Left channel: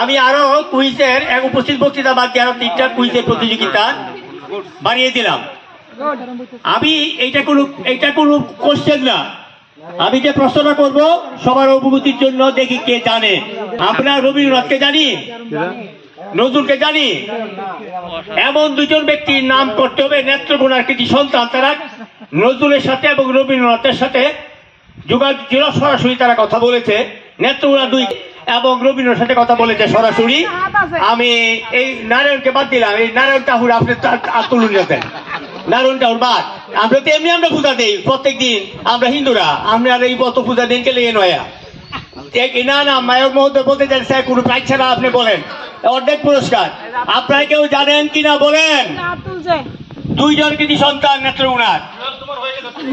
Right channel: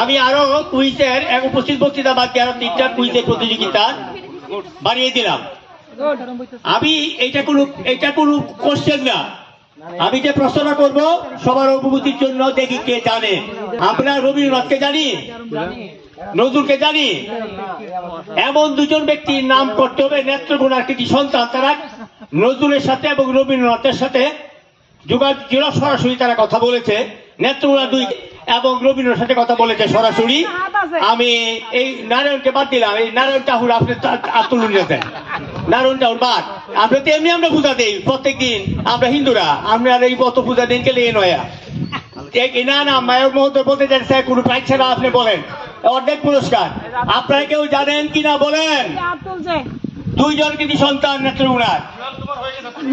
আমি আরো কুইজের এক উপস্থিত বক্তৃতা বাদ দিয়ে আরো 3টা কুইজের প্রতিযোগিতা বানিয়ে দিলাম। আমি এটা কোনো কোশ্চেন না, আমি যে প্রশ্নটা করবো সবার অবগতির জন্য, দেখি কে জানে। আমরা রবীন্দ্রনাথকে জানি, নজরুলকে জানি, এমন দুজন ব্যক্তির নাম করতে হবে নেত্রকোনার কৃতি সন্তান। তারা নজরুলের সাথে এবং রবীন্দ্রনাথের সাথে যোগাযোগ সরাসরি তারা কথা বলেছে। নেত্রকোনা 2 এবং রবীন্দ্রনাথের সাথে কথা বলেছে সরাসরি। আমি এই নারায়ণকে বাদ দিলাম, এই নারায়ণ ঠাকুর আপনি তুলুন যেতেন, নারায়ণ ঠাকুর বাদ। আমরা তো এমনি আমরা পূজা দিই প্রত্যেক দিন, আমরা হিন্দুরা, আমরা এই বত পূজা দিন গেলে নয়া না মায়ের মহোদয় বলতে চান স্যার কোনো প্রাইজ ছাড়া আপনি বলেন অর্ধেক পুরস্কার। আপনারা কেউ জানেন কিনা বলেন? 2 জন কৃতি সন্তান নেত্রকোনার।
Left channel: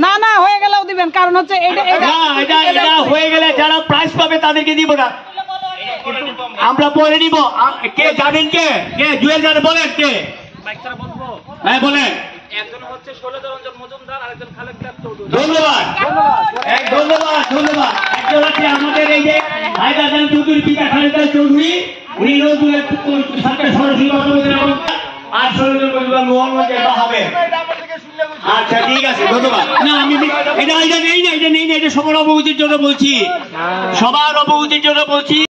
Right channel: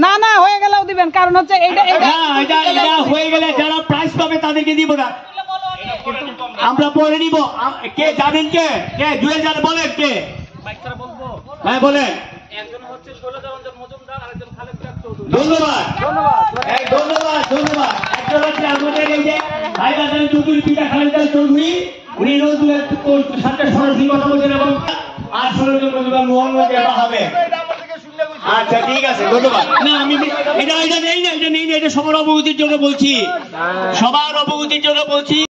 না না হয়ে গেলেও দিবেন, কারণ হচ্ছে এটা হয়ে গেলে যারা প্রাইজ পাবে তাদেরকে দিব না, আমরা পরে নিব। কে জানেন? কে জুয়েল জানে বলেন? কে? হ্যাঁ বলেন। ধন্যবাদ ধন্যবাদ ধন্যবাদ। একজন হচ্ছে আমাদের এই যে হায়দার চৌধুরী, পিতা খালেদার চৌধুরী, উনি নজরুলের সাথে সরাসরি কথা বলছেন এবং আর মোহাম্মদ হবে। আচ্ছা ঠিক আছে, ধন্যবাদ। না আমি এটা নেই না, এটা সবার অবগতির জন্য বলছি, সবার অবগতির জন্য বলছি।